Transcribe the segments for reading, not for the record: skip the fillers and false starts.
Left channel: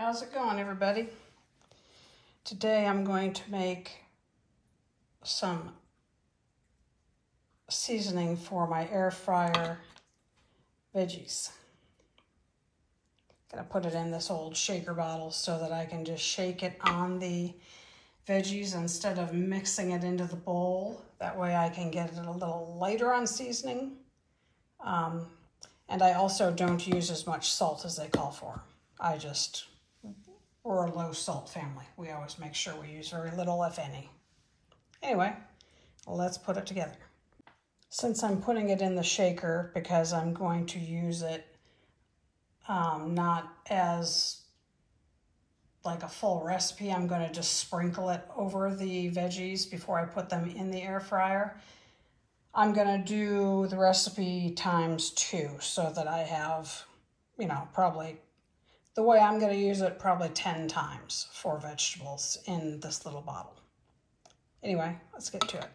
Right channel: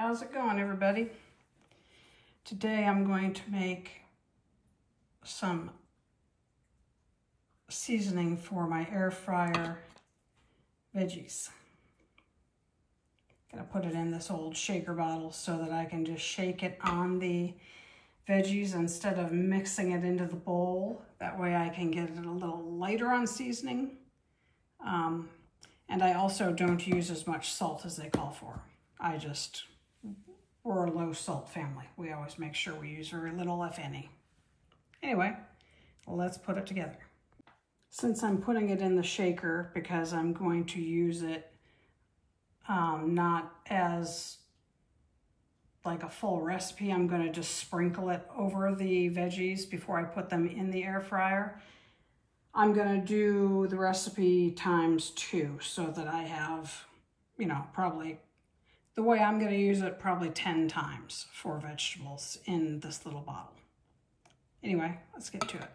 How's it going, everybody? Today I'm going to make some seasoning for my air fryer veggies. Gonna put it in this old shaker bottle so that I can just shake it on the veggies instead of mixing it into the bowl. That way I can get it a little lighter on seasoning. And I also don't use as much salt as they call for. We're a low salt family. We always make sure we use very little, if any. Anyway, let's put it together. Since I'm putting it in the shaker, because I'm going to use it not as like a full recipe, I'm going to just sprinkle it over the veggies before I put them in the air fryer. I'm going to do the recipe ×2 so that I have, probably the way I'm going to use it, probably 10 times for vegetables in this little bottle. Anyway, let's get to it.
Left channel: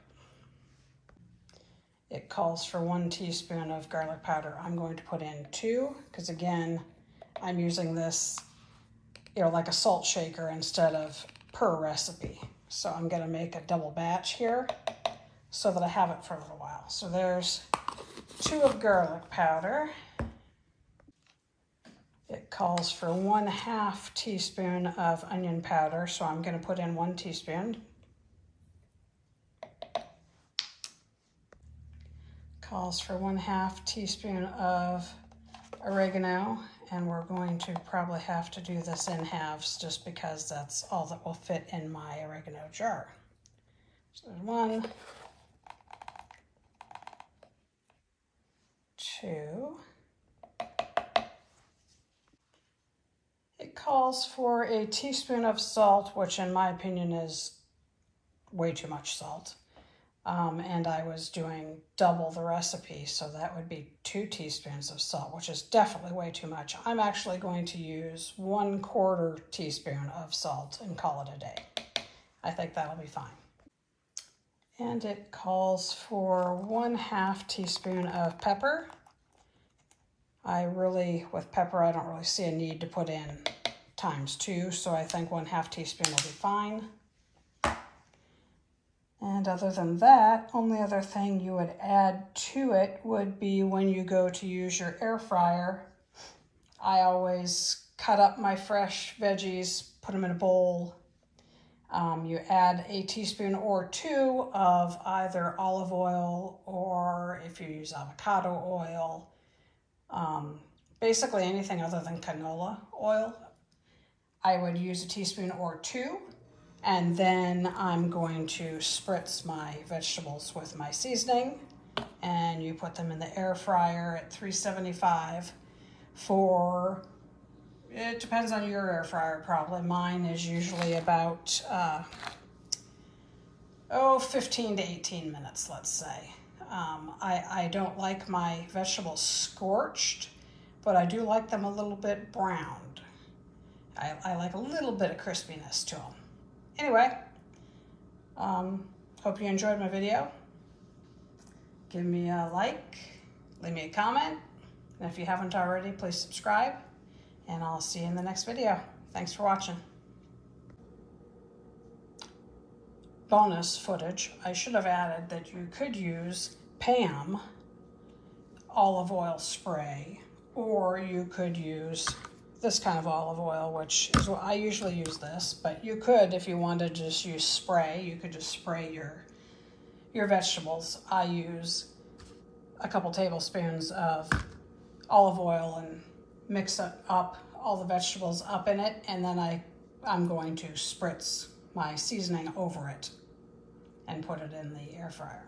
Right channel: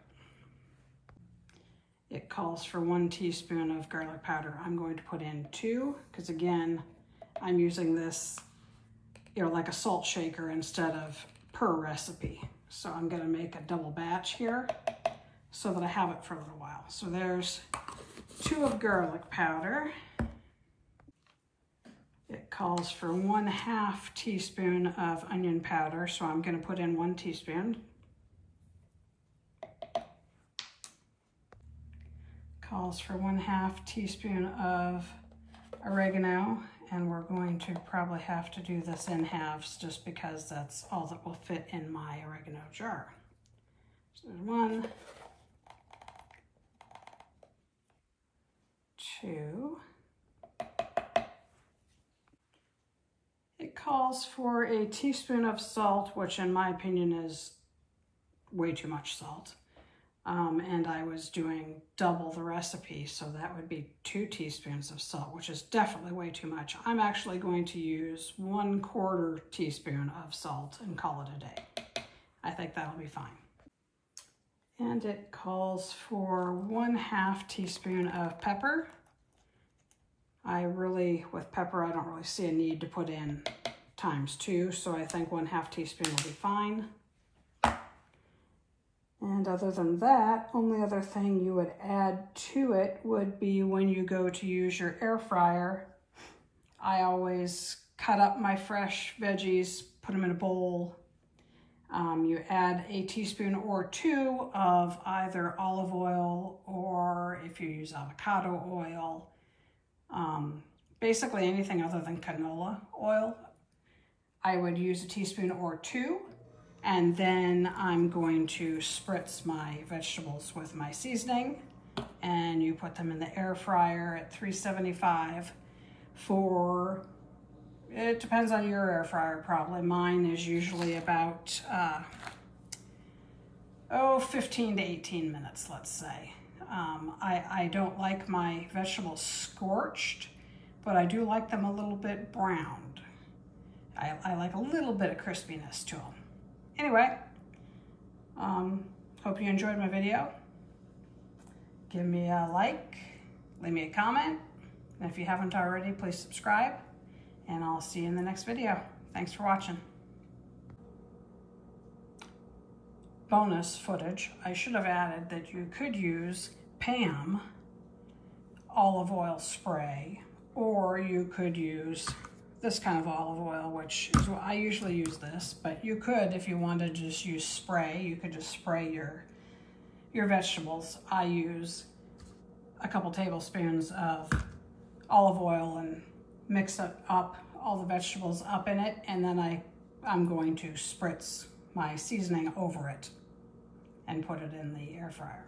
It calls for 1 teaspoon of garlic powder. I'm going to put in 2 because, again, I'm using this, like a salt shaker instead of per recipe. So I'm going to make a double batch here so that I have it for a little while. So there's 2 of garlic powder. It calls for 1/2 teaspoon of onion powder, so I'm going to put in 1 teaspoon. Calls for 1/2 teaspoon of oregano, and we're going to probably have to do this in halves just because that's all that will fit in my oregano jar. So there's 1, 2. It calls for a teaspoon of salt, which in my opinion is way too much salt. And I was doing double the recipe, so that would be 2 teaspoons of salt, which is definitely way too much. I'm actually going to use 1/4 teaspoon of salt and call it a day. I think that'll be fine. And it calls for 1/2 teaspoon of pepper. With pepper, I don't really see a need to put in ×2, so I think 1/2 teaspoon will be fine. And other than that, only other thing you would add to it would be when you go to use your air fryer. I always cut up my fresh veggies, put them in a bowl. You add a teaspoon or 2 of either olive oil, or if you use avocado oil, basically anything other than canola oil. I would use a teaspoon or 2, and then I'm going to spritz my vegetables with my seasoning, and you put them in the air fryer at 375 for, it depends on your air fryer probably. Mine is usually about 15 to 18 minutes, let's say. I don't like my vegetables scorched, but I do like them a little bit browned. I like a little bit of crispiness to them. Anyway, hope you enjoyed my video. Give me a like, leave me a comment, and if you haven't already, please subscribe, and I'll see you in the next video. Thanks for watching. Bonus footage, I should have added that you could use Pam olive oil spray, or you could use this kind of olive oil, which is what I usually use this, but you could, if you wanted to just use spray, you could just spray your vegetables. I use a couple tablespoons of olive oil and mix up all the vegetables up in it, and then I'm going to spritz my seasoning over it and put it in the air fryer.